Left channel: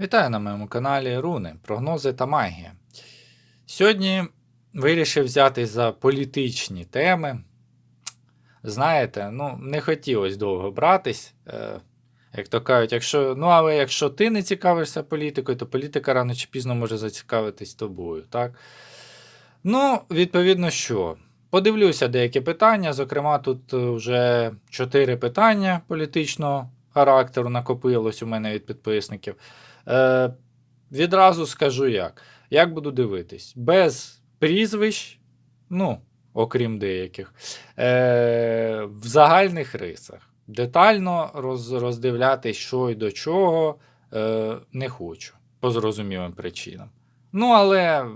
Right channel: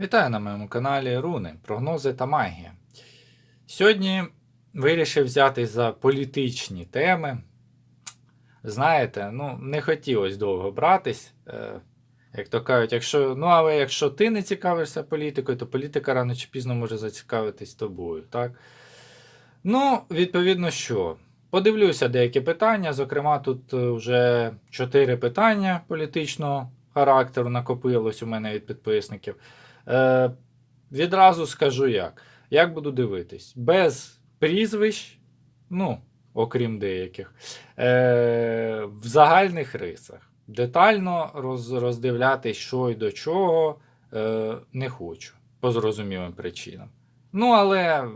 Вітаю на моєму каналі Руни, прогнози та магія. Сьогодні вирішив взятись за політичні теми. Знаєте, ну, не хотілося довго братись. Е, як то кажуть, якщо, ну, але якщо ти не цікавишся політикою, то політика рано чи пізно може зацікавитись тобою. так? Ну, відповідно, що? Подивлюся деякі питання. Зокрема, тут е, вже чотири питання політичного характеру накопилось у мене від підписників. Е, відразу скажу як. Як буду дивитись? Без прізвищ, ну, окрім деяких, е, в загальних рисах. Детально роз, роздивлятись, що і до чого, е, не хочу, по зрозумілим причинам. Ну, але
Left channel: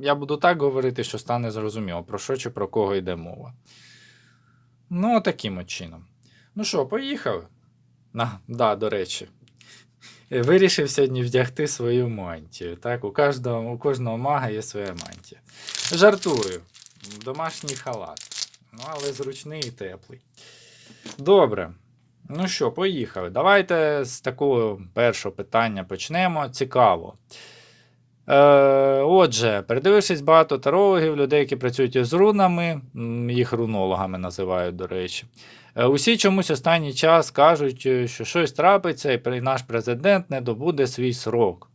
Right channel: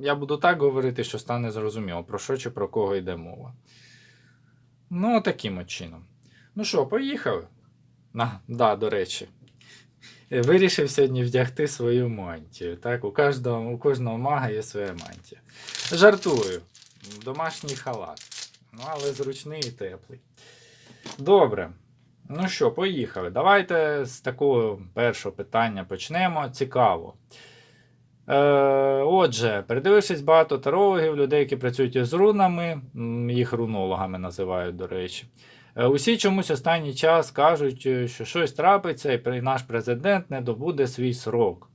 я буду так говорити, що стане зрозуміло, про що чи про кого йде мова. Ну, таким от чином. Ну що, поїхали? На, да, до речі. Вирішив сьогодні вдягти свою мантію. Так? У, кожного, у кожного мага є своя мантія. Жартую. Домашній халат. Ну, але зручний і теплий. Добре. Ну що, поїхали. Давайте з такого першого питання почнемо. Цікаво. Е, отже, передивившись багато тарологів, людей, які працюють із рунами, їх рунологами називають, до речі. Е, Усі чомусь останній час кажуть, е, що щось трапиться, і наш президент не добуде свій срок.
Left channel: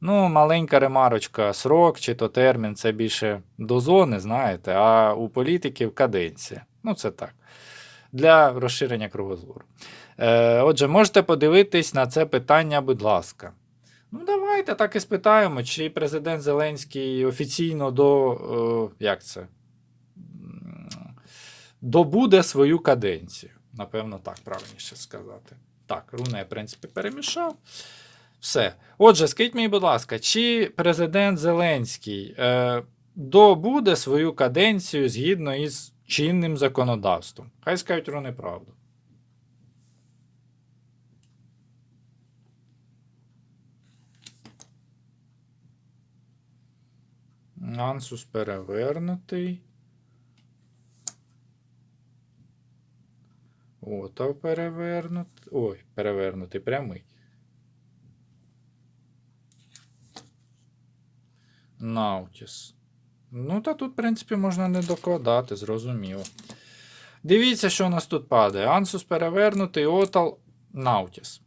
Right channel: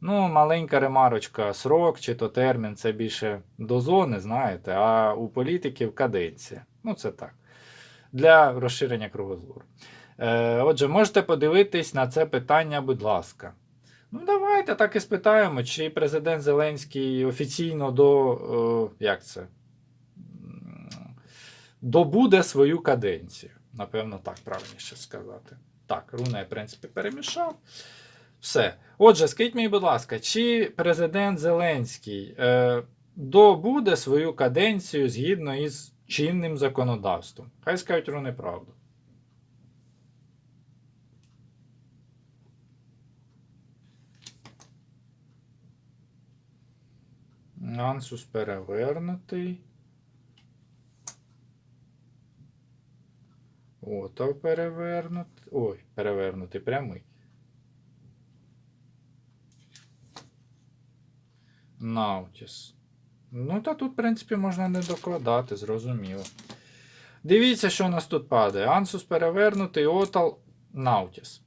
Ну, маленька ремарочка, срок чи то термін це більше до зони, знаєте, а у політиків каденція. Ну, це так. Для розширення кругозору. Е, отже, можете подивитись на це питання, будь ласка. Ну, давайте так і спитаємо, чи президент Зеленський офіційно до. Е, як це? Добуде свою каденцію. Напевно, так правильніше сказати. Так, руна я, в принципі, перемішав. Все. Отже, скажіть мені, будь ласка, чи президент Зеленський е, добуде свою каденцію згідно із чинним законодавством? Хай скажуть руни правду. Ансус перевернутий. Ото перевернутий. Ой, перевернутий прямий. Наутіс. Ну, та тут, в принципі, можна не докладати, зрозуміло. Дивіться, що у нас тут падає. Ансус перевернутий, Отал, Наутіс.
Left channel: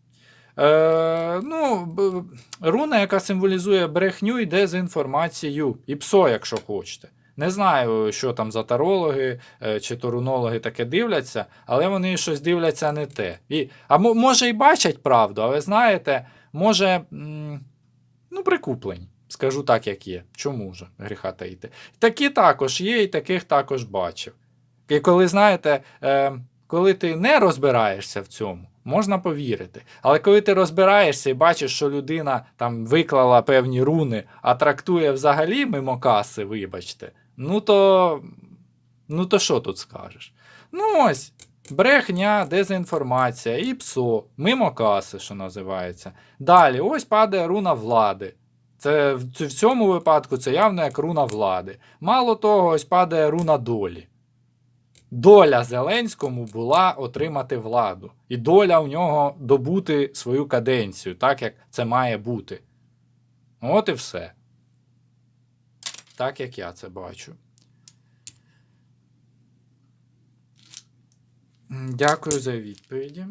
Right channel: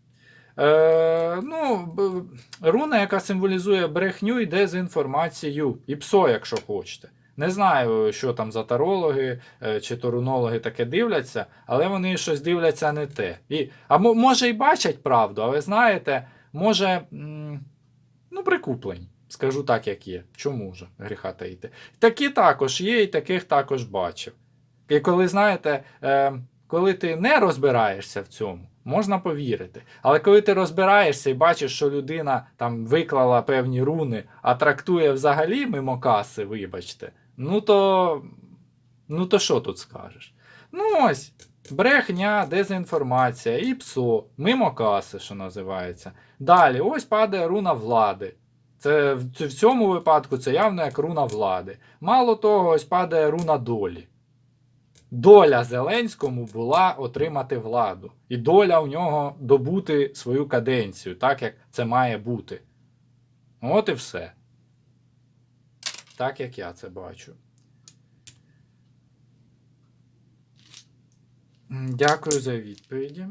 Е, ну, руна, яка символізує брехню і дезінформацію. І псо, якщо хочете. Не знаю, що там за тарологи е, чи то рунологи таке дивляться, але вони щось дивляться не те. І, а може і бачать правду, але знаєте, може, ну, прикуплень. Скажу так, як є. Чому ж гріха таїти? Такі також є, і таких також бачив. І коли, знаєте, е, коли ти не розбираєшся в цьому, можна повірити. Але коли ти розбираєшся і бачиш, що людина там виклала певні руни, а трактує взагалі мимо каси, вибачте, ну то. Ну то що тут скажеш? Ну ось. Брехня, дезінформація і псо, мимо каси, що називається. Далі, ось падає руна влади. Це в в цьому випадку це явно як руна влади. Мало того, ось падає руна долі. Доля Зеленському була отримати владу. І доля у нього добути свою каденцію, так як це має бути. От і все. Так як я це бачу. Дякую за відповіді.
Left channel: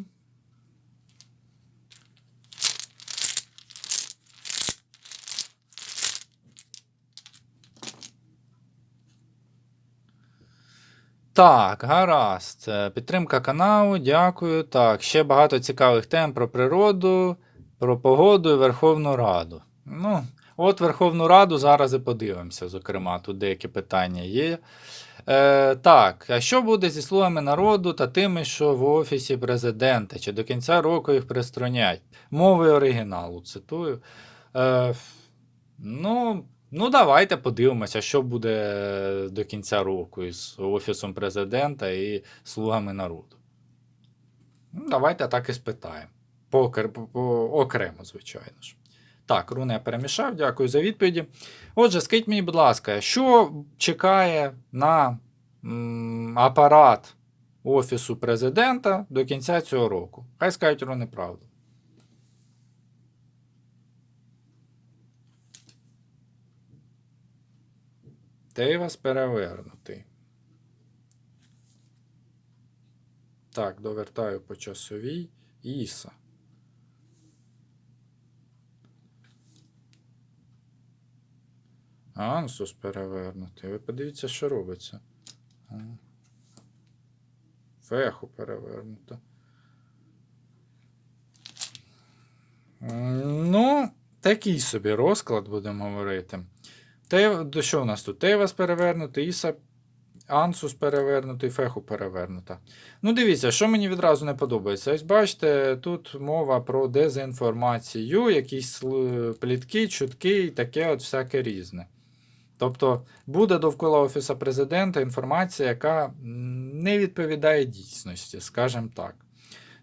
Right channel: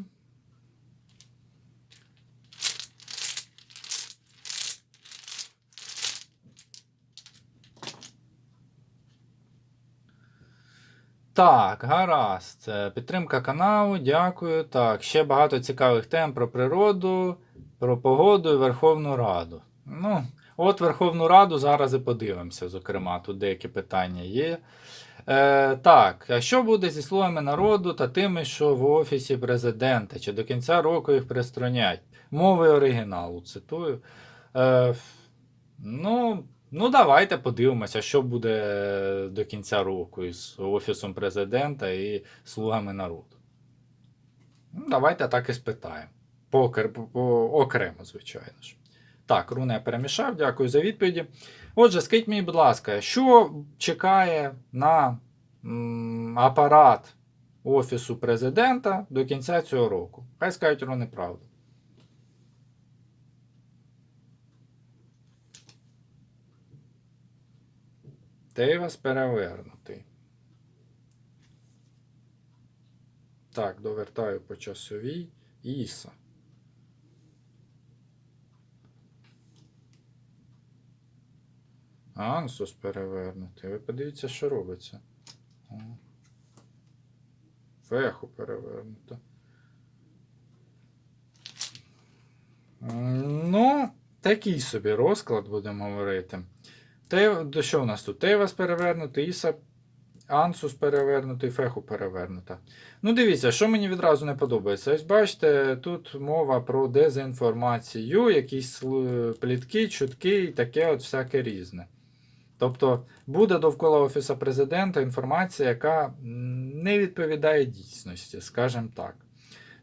Так, гаразд. Підтримка каналу, дякую. Так, ще багато цікавих тем про природу, про погоду і Верховну Раду. Ну, от Верховну Раду зараз і подивимося, зокрема, тут деякі питання є. Е, так, а що буде зі словами народу та тими, що в офісі президента? Чи до кінця року їх пристронять? Мови оригіналу, цитую. Е, ну, ну, давайте подивимося, що буде до кінця року із Офісом президента і слугами народу. Ну, давайте так і спитаємо. По, по, окремо, звичайно ж. Так, руне перемішав, дякую за відповіді. Отже, скажіть мені, будь ласка, що чекає на м, апарат Офісу президента до кінця цього року? Хай скажуть руни правду. Тейвас перевернутий. Так, довертаю по часовій Іса. Ансус перевернутий. Ви подивіться, що робиться. Феху перевернуто. Ну, такий собі розклад, будемо говорити. Те, що у нас тут? Тейвас перевернутий, Іса, Ансус перевернутий, Феху перевернута. Ну, дивіться, що мені відразу не подобається. Ось бачите, тут мова про дезінформацію, якісь плітки, чутки і таке от всяке різне. Тобто буде довкола Офіса президента інформація, яка не відповідає дійсності, скажімо так.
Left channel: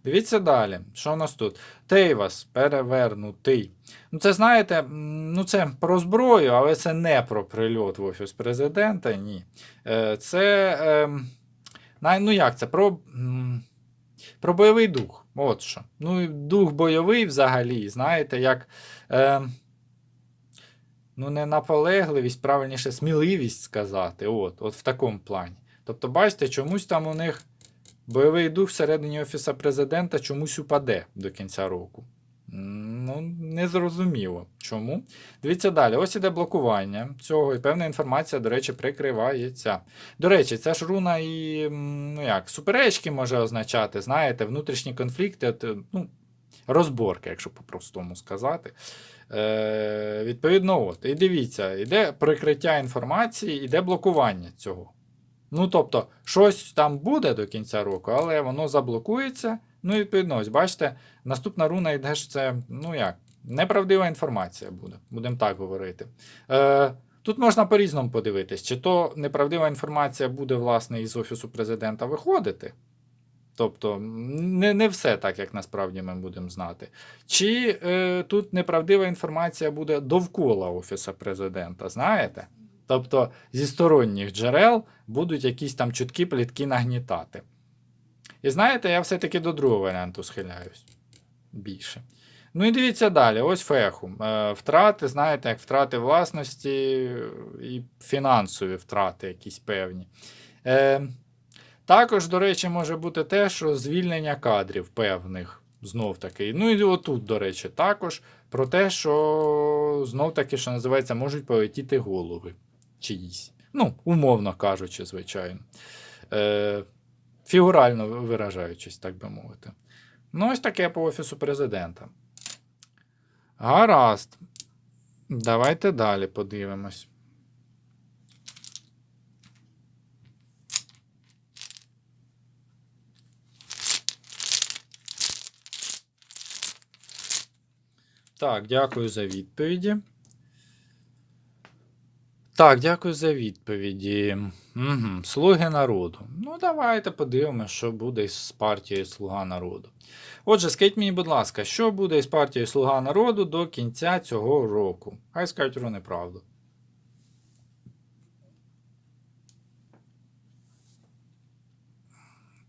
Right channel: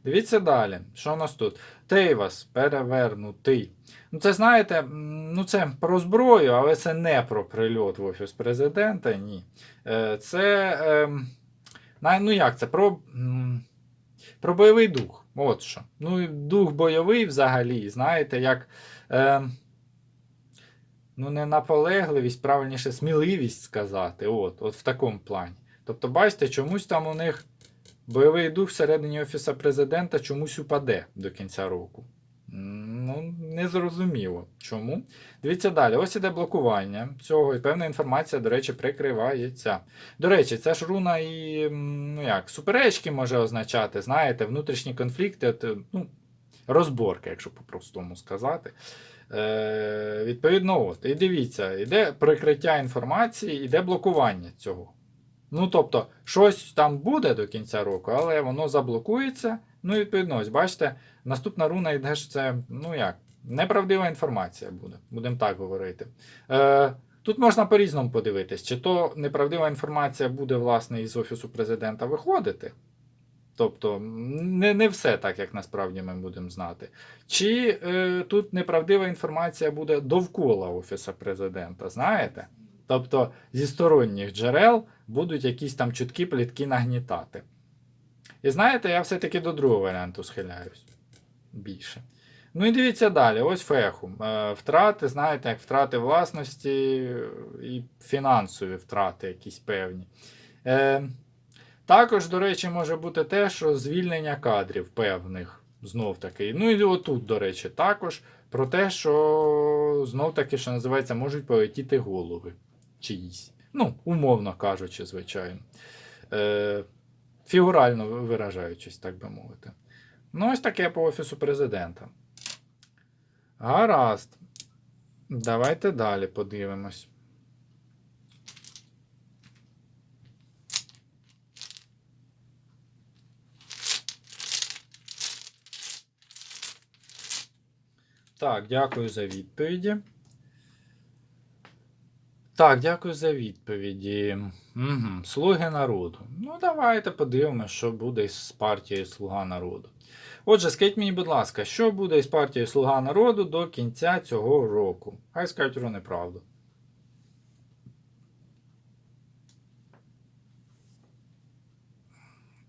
Дивіться далі, що у нас тут? Тейвас перевернутий. Ну, це знаєте, ну це про зброю, але це не про прильот в Офіс президента. Ні. Е, Це. ем, Ну як це? Про, про бойовий дух. От що. Ну, дух бойовий взагалі, знаєте, як. Ну, не наполегливість, правильніше, сміливість сказати. От, от в такому плані. Тобто, бачите, чомусь там у них бойовий дух всередині Офіса президента чомусь упаде до кінця року. Ну, незрозуміло. Чому? Дивіться далі. Ось іде блокування цього, і певна інформація, до речі, прикривається. До речі, це ж руна і ну як, суперечки може означати, знаєте, внутрішні конфлікти, ну, розборки, якщо по-простому сказати. Е, відповідно, от. І дивіться, іде прикриття інформації, іде блокування цього. Ну, тобто, щось там буде до кінця року, але воно заблокується. Ну, відповідно, ось бачите, наступна руна йде, що це, ну як, неправдива інформація буде, будемо так говорити. Е, тут можна по-різному подивитись, чи то неправдива інформація буде, власне, із Офісу президента виходити. Тобто, не, не все так, як насправді ми будемо знати. Чи е, тут неправдива інформація буде довкола Офіса президента, знаєте? Тобто зі сторонніх джерел будуть якісь там чуткі плітки нагнітати. І знаєте, я все-таки до другого варіанту схиляюсь більше. Ну і дивіться далі, ось феху. Е, Втрати, знаєте, як втрати власності і фінансові втрати якісь певні. Е, Також, до речі, може бути те, що звільнення кадрів певних знов таки. Ну і отут, до речі, також про те, що знов таки, що називається, можуть полетіти голови чиїсь. Ну, умовно кажучи, звичайно. Е, Фігурально виражаючись, так би мовити. Ну, ось таке по Офісу президента. Гаразд. Давайте далі подивимось. Так, дякую за відповіді. Так, дякую за відповіді. Угу. Слуги народу. Ну, давайте подивимося, що буде із партією Слуга народу. Отже, скажіть мені, будь ласка, що буде із партією Слуга народу до кінця цього року? Хай скажуть про неправду.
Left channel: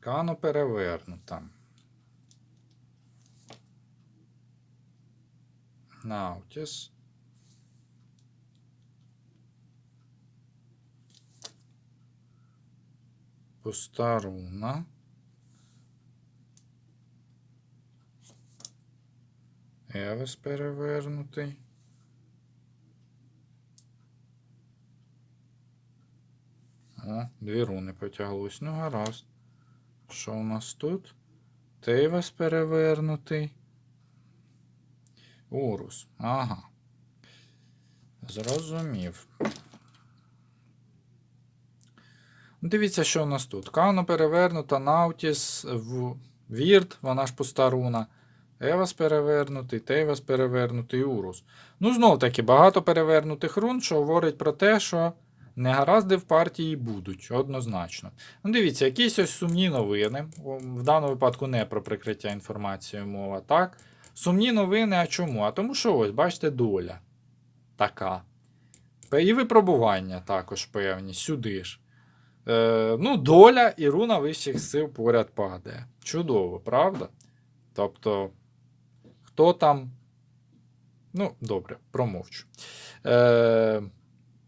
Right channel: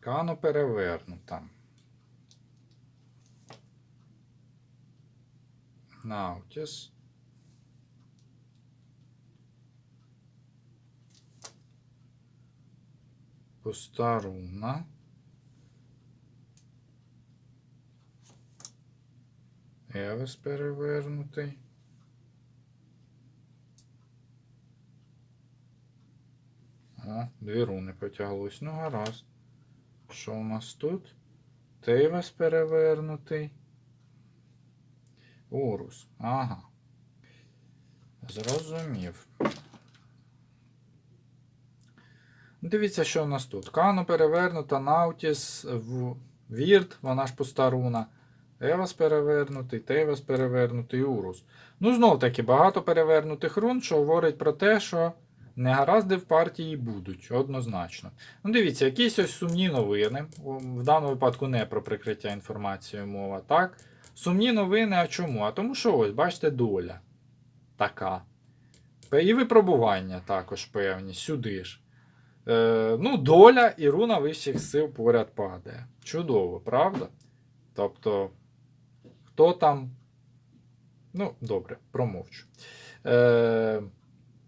Кано перевернута. Наутіс. Пуста руна. Евес перевернутий. О, дві руни потяглось. Ну, гаразд. Що у нас тут? Тейвас перевернутий. Урус. Ага. Зрозумів. Дивіться, що у нас тут. Кано перевернута, Наутіс, в- Вірт, вона ж пуста руна. Евас перевернутий, Тейвас перевернутий, Урус. Ну, знов таки, багато перевернутих рун, що говорить про те, що негаразди в партії будуть, однозначно. Ну, дивіться, якісь ось сумні новини. В даному випадку не про прикриття інформацією мова, так? Сумні новини, а чому? А тому що ось, бачите, доля така. І випробування також певні, сюди ж. Е, ну, доля і руна вищих сил поряд падає. Чудово, правда? Тобто, хто там. Ну, добре, промовчу. Е,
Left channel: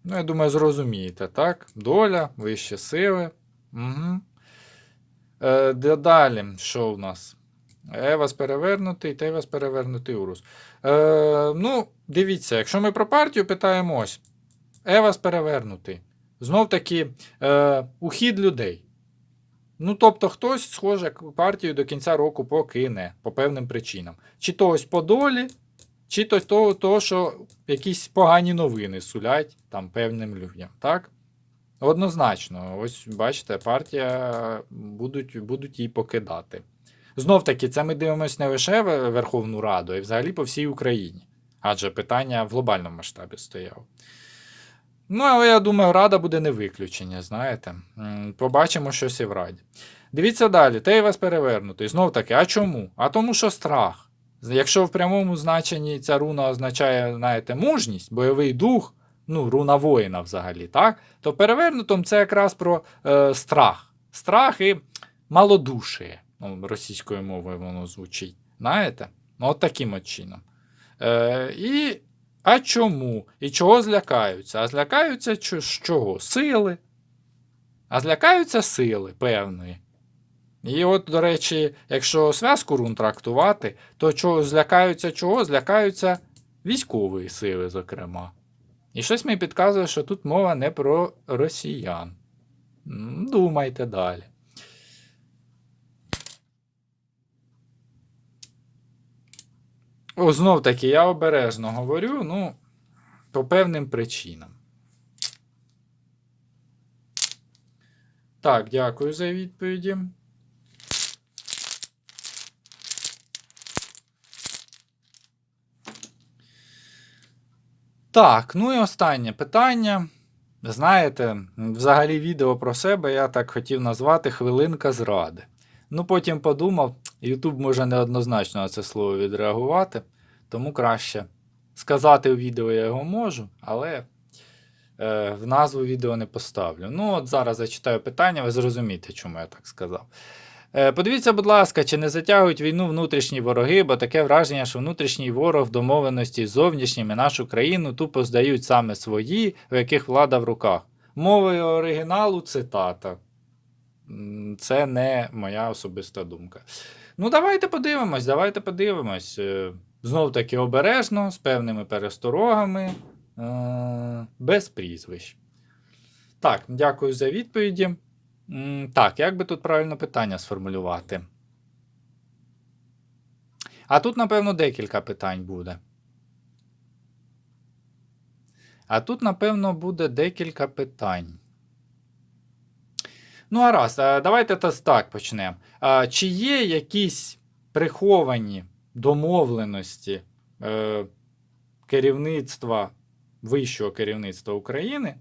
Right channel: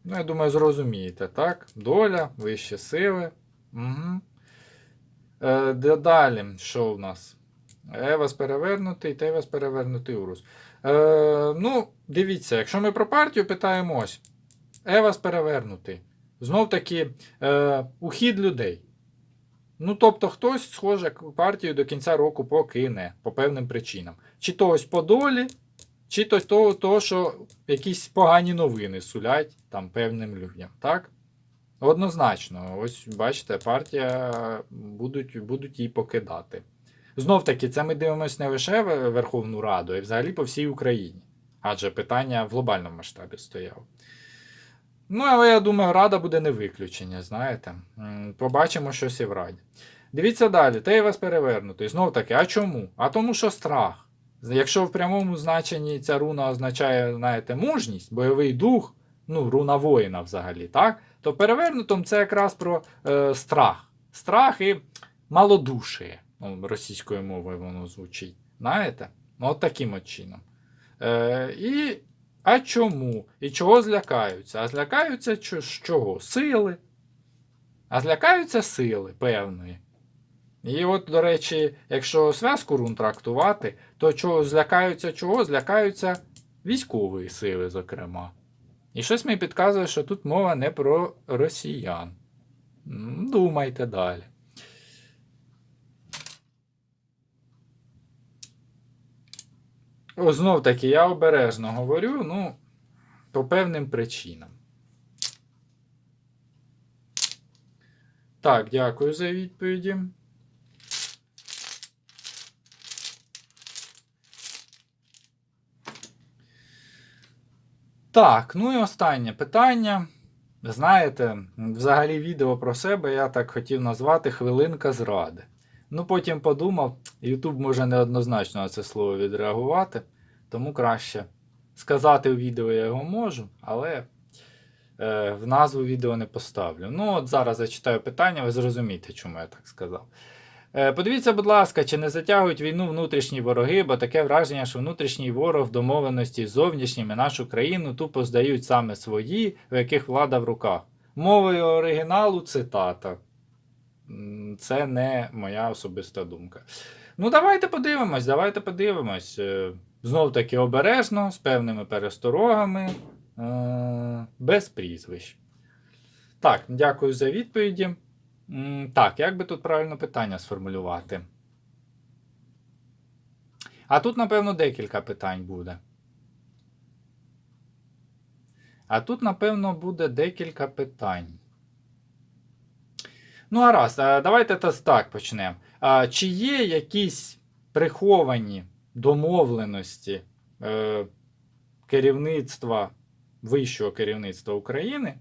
Ну, я думаю, зрозумієте, так? Доля, вищі сили. Угу. Е, далі, що у нас? Евас перевернутий, Тевас перевернутий Урус. Е, ну, дивіться, якщо ми про партію питаємо ось. Евас перевернутий. Знов таки, е, ухід людей. Ну, тобто, хтось, схоже, партію до кінця року покине по певним причинам. Чи то ось по долі, чи то того, того, що якісь погані новини сулять там певним людям. Так? Однозначно, ось бачите, партія будуть, будуть її покидати. Знов таки, це ми дивимося не лише Верховну Раду, а й взагалі по всій Україні. Адже питання в глобальному масштабі стояло. Ну, але я думаю, Рада буде не виключення, знаєте. Побачимо щось і в Раді. Дивіться далі, те вас перевернутий. Знов таки, а чому? А тому, що страх. Якщо в прямому значенні ця руна означає, знаєте, мужність, бойовий дух, ну, руна воїна взагалі, так? То перевернутом це якраз про е, страх. Страх і малодушие. Ну, російською мовою воно звучить. Знаєте? Ну, от таким от чином. Е, і, а чому? І чого злякаються? А злякаються з чого? Сили. А злякаються сили певної. І от, до речі, якщо зв'язку рун трактувати, то чого злякаються чого? Злякаються військової сили, зокрема. І щось мені підказує, що тут мова не про росіян. Думайте далі. Знов таки, я обережно говорю, ну, по певним причинам. Так, дякую за відповіді. Так, ну і останнє питання. Знаєте, взагалі відео про себе я так хотів назвати Хвилинка зради. Ну, потім подумав, YouTube може неоднозначно на це слово відреагувати, тому краще сказати у відео я його можу, але е, в назву відео не поставлю. Ну, от зараз зачитаю питання, ви зрозумієте, чому я так сказав. Е, Подивіться, будь ласка, чи не затягують війну внутрішні вороги, бо таке враження, що внутрішній ворог в домовленості з зовнішніми нашу країну тупо здають саме свої, в яких влада в руках. Мовою оригіналу цитата. Це не моя особиста думка. Ну, давайте подивимось, давайте подивимось. Е, Знов таки обережно, з певними пересторогами, е, без прізвищ. Так, дякую за відповіді. Так, як би тут правильно питання сформулювати? А тут, напевно, декілька питань буде. А тут, напевно, буде декілька питань. Ну, а раз, давайте так почнемо. Чи є якісь приховані домовленості е, керівництва, вищого керівництва України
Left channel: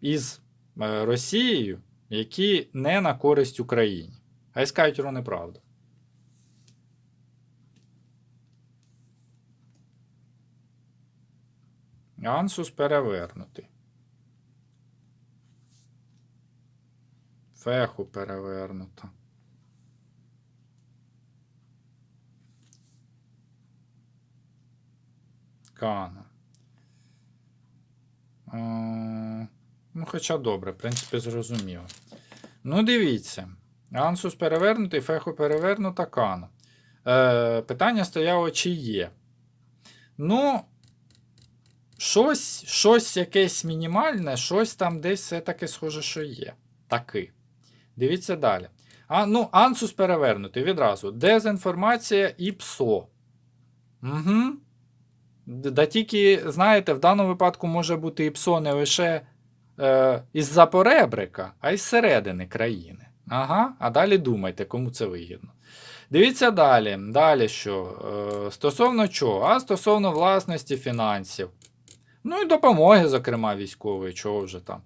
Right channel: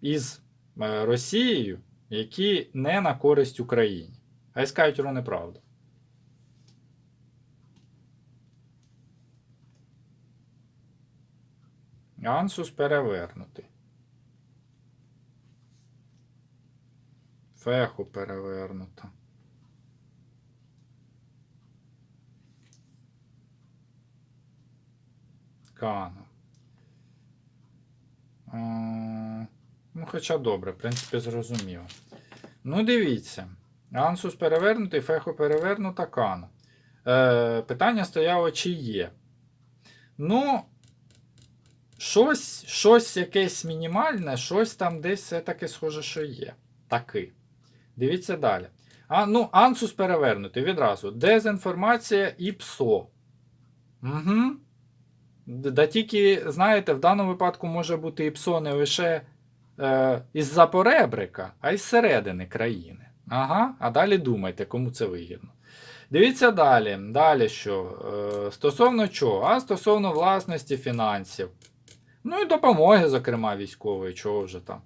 із е, Росією, які не на користь Україні? Хай скажуть неправду. Ансус перевернутий. Феху перевернуто. Кана. Е, Ну, хоча добре, в принципі, зрозуміло. Ну, дивіться. Ансус перевернутий, феху перевернута кана. Е, питання стояло, чи є. Ну, щось, щось якесь мінімальне, щось там десь все-таки схоже, що є. Таки. Дивіться далі. А, ну, Ансус перевернутий відразу. Дезінформація і ПСО. Угу. Да тільки, знаєте, в даному випадку може бути і ПСО не лише е, із-за поребрика, а й зсередини країни. Ага, а далі думайте, кому це вигідно. Дивіться далі. Далі що? Е, стосовно чого? А стосовно власності фінансів. Ну і допомоги, зокрема, військової, чого вже там.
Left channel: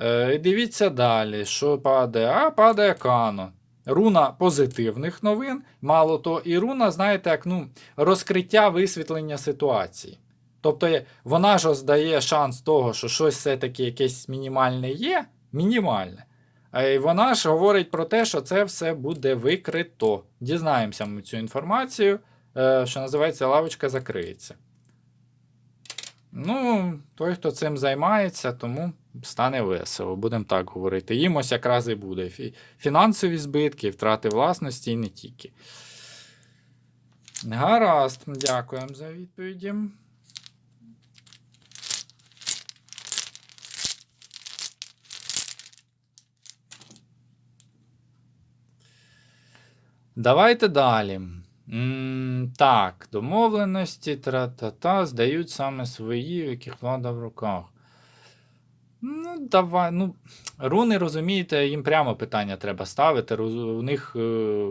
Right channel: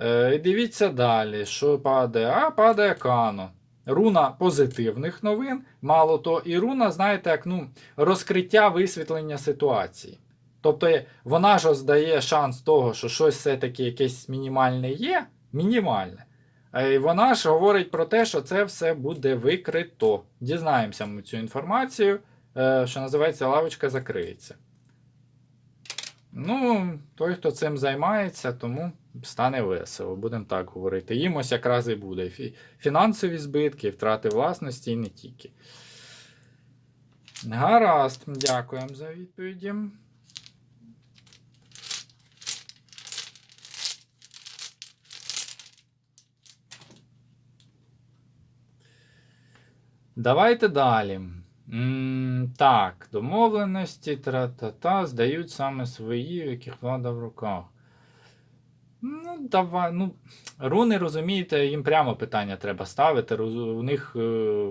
Е, дивіться далі, що падає. А падає Кано. Руна позитивних новин, мало то, і руна, знаєте, як ну, розкриття висвітлення ситуації. Тобто вона ж здає шанс того, що щось все-таки якесь мінімальне є, мінімальне. А вона ж говорить про те, що це все буде викрито. Дізнаємося ми цю інформацію, е, що називається лавочка закриється. Ну, той, хто цим займається, тому стане весело, будемо так говорити. Їм ось якраз і буде фінансові збитки, втрати власності і не тільки. Гаразд, дякуємо за відповіді. Давайте далі. М, так, домовленості тра-та-та здають саме свої, в яких влада в руках. Давай. Ну, руни, розумієте, їм прямо питання треба ставити. У них е,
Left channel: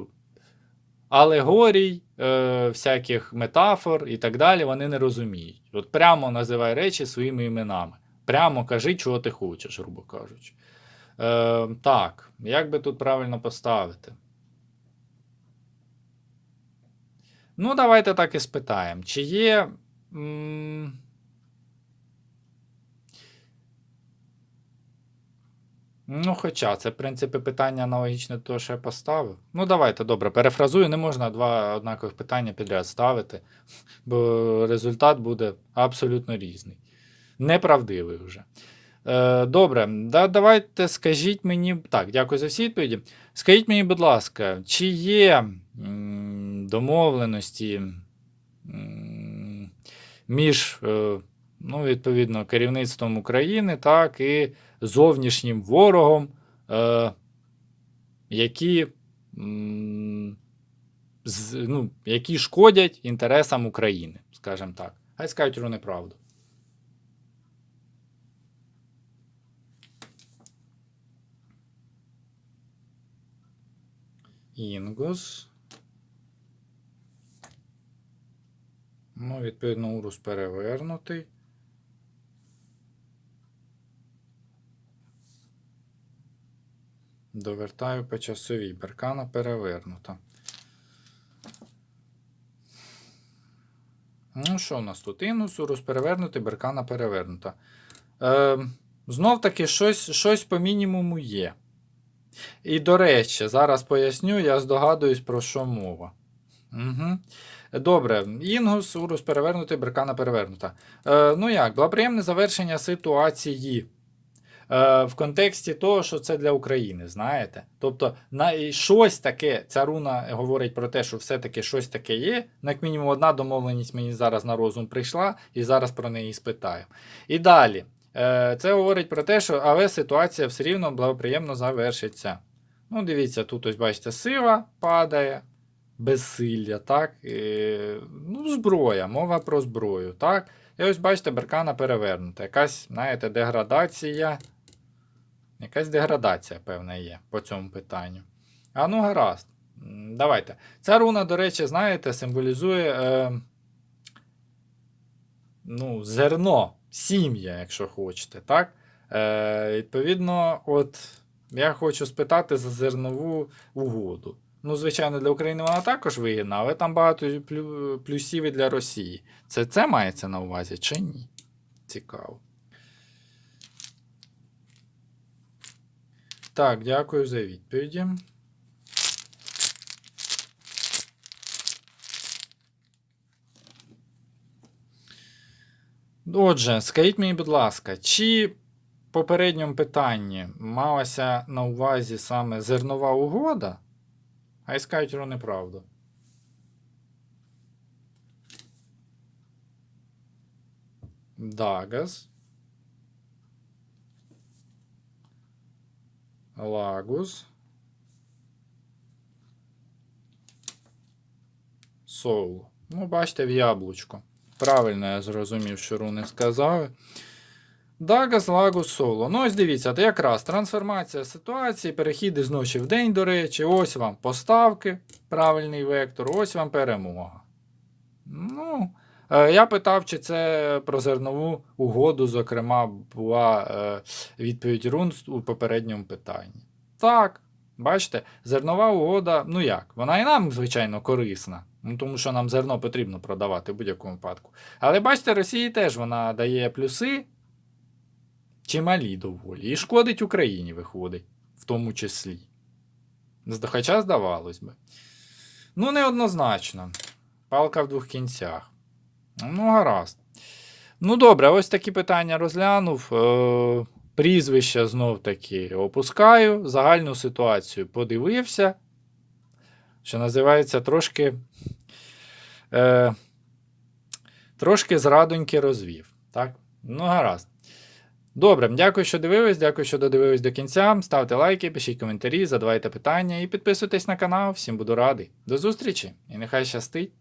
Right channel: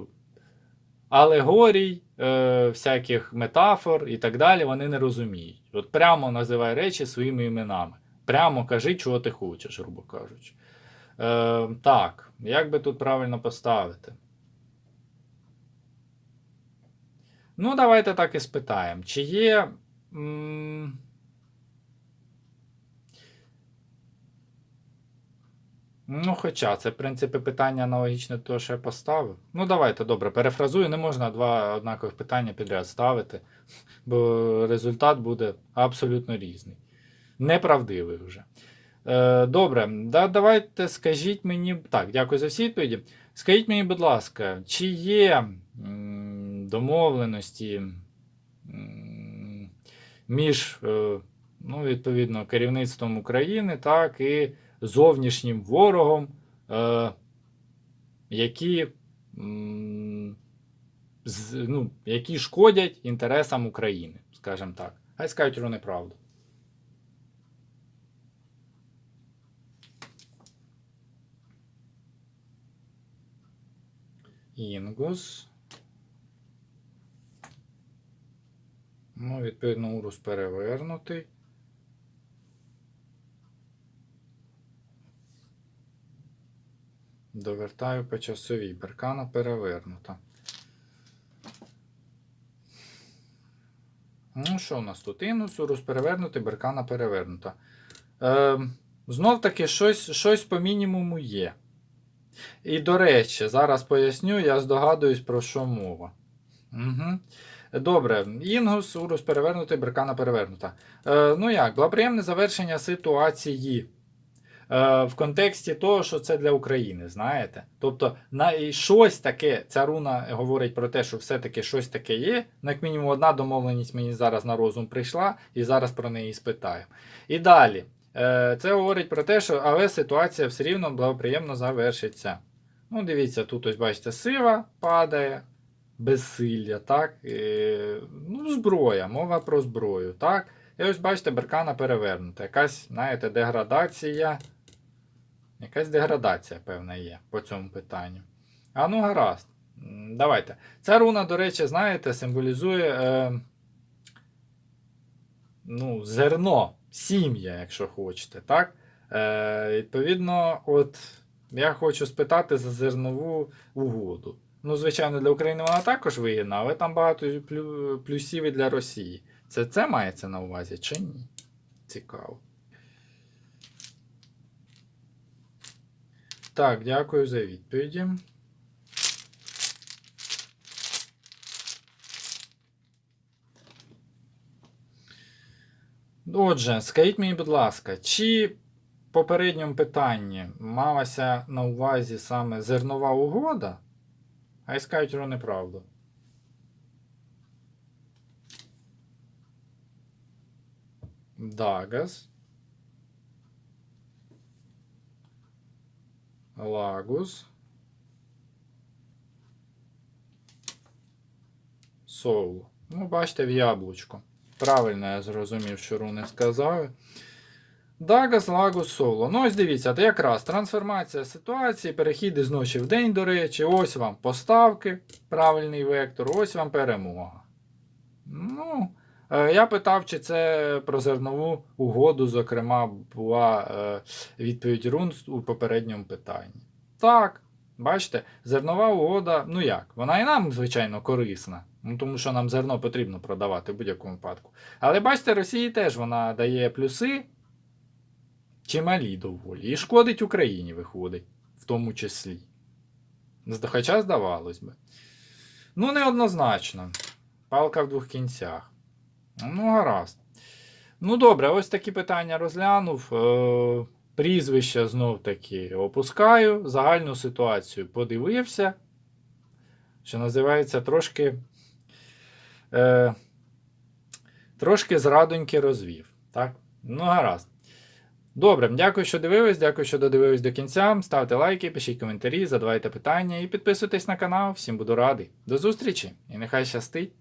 алегорій, е, всяких метафор і так далі, вони не розуміють. От прямо називай речі своїми іменами. Прямо кажи, чого ти хочеш, грубо кажучи. Е, так, як би тут правильно поставити? Ну, давайте так і спитаємо. Чи є. м, Ну, хоча це, в принципі, питання аналогічне того, що я поставив. Ну, давайте, добре, перефразую, не можна два однакових питання підряд ставити, бо результат буде абсолютно різний. Неправдивий вже. Е, добре, да, давайте скажіть мені. Так, дякую за всі відповіді. Скажіть мені, будь ласка, чи є м, домовленості м, між, е, ну, відповідно, керівництвом України, так, і зовнішнім ворогом, е, які, м, з, ну, які шкодять інтересам України, скажімо так. Хай скажуть про неправду. Інгус. Ну, відповідно, урус перевернутий. Довертаю по часовій. Беркана перевернута. Ну, що у нас тут? Інус, урус перевернутий, беркана перевернута. Е, знов таки, щось, щось по мінімуму є. І до речі, зараз поясню, я здогадуюсь, про що мова. Угу. Добре, Інгус, Урус перевернутий, Беркана перевернута. Е, ну як, благоприємне завершення ситуації. Е, в контексті того, що це для України, знаєте? Тобто, на, і щось таке, ця руна говорить про те, що все-таки щось таке є. Ну, як мінімум, одна домовленість мені зараз на розум прийшла, і зараз про неї спитаю. І далі. Е, Це говорить про те, що але ситуація все рівно благоприємно завершиться. Ну, дивіться, тут ось бачите, сила падає, безсилля, так? Е, ну, зброя, мова про зброю, так? І ось бачите, беркана перевернута. Якась, знаєте, деградація. Якась деградація, певна, є по цьому питанню. А ну, гаразд. Давайте. Ця руна, до речі, знаєте, символізує е, ну, зерно, сім'я, якщо хочете. так? Е, Відповідно, от я хочу спитати за зернову угоду. Ну, звичайно, для України вона також вигідна, але там багато плюсів і для Росії. Це це мається на увазі чи ні? Цікаво. Так, дякую за відповіді. Отже, скажіть мені, будь ласка, чи в попередньому питанні малася на увазі саме зернова угода? А скажуть про неправду. Дагас. Лагус. Соул. Ну, бачите, в яблучко. Правильно я зрозумів, що руни сказали. Дагас, Лагус, Соло. Ну, ось дивіться, то якраз трансформація ситуації, перехід із ночі в день, до речі, ось вам поставки, правильний вектор, ось вам перемога. Ну, я питав, чи це про зернову угоду, зокрема, була е, відповідь рун у попередньому питанні. Так, бачите, зернова угода, ну як, вона і нам, звичайно, корисна. Ну, тому що нам зерно потрібно продавати в будь-якому випадку. Але бачите, Росії теж вона дає плюси чималі доволі. І шкодить Україні, виходить, в тому числі. Хоча здавалось би. Ну, неоднозначно. Палка в двох кінцях. Ну, гаразд. Ну, добре, ось такі питання розглянув. Е, прізвище знов таки опускаю. Загальну ситуацію подивився. Що називається, трошки. Е, трошки зрадоньки розвів. Так? Ну, гаразд. Добре, дякую, що дивились, дякую, що додивились до кінця. Ставте лайки, пишіть коментарі, задавайте питання і підписуйтесь на канал. Всім буду радий. До зустрічі і нехай щастить!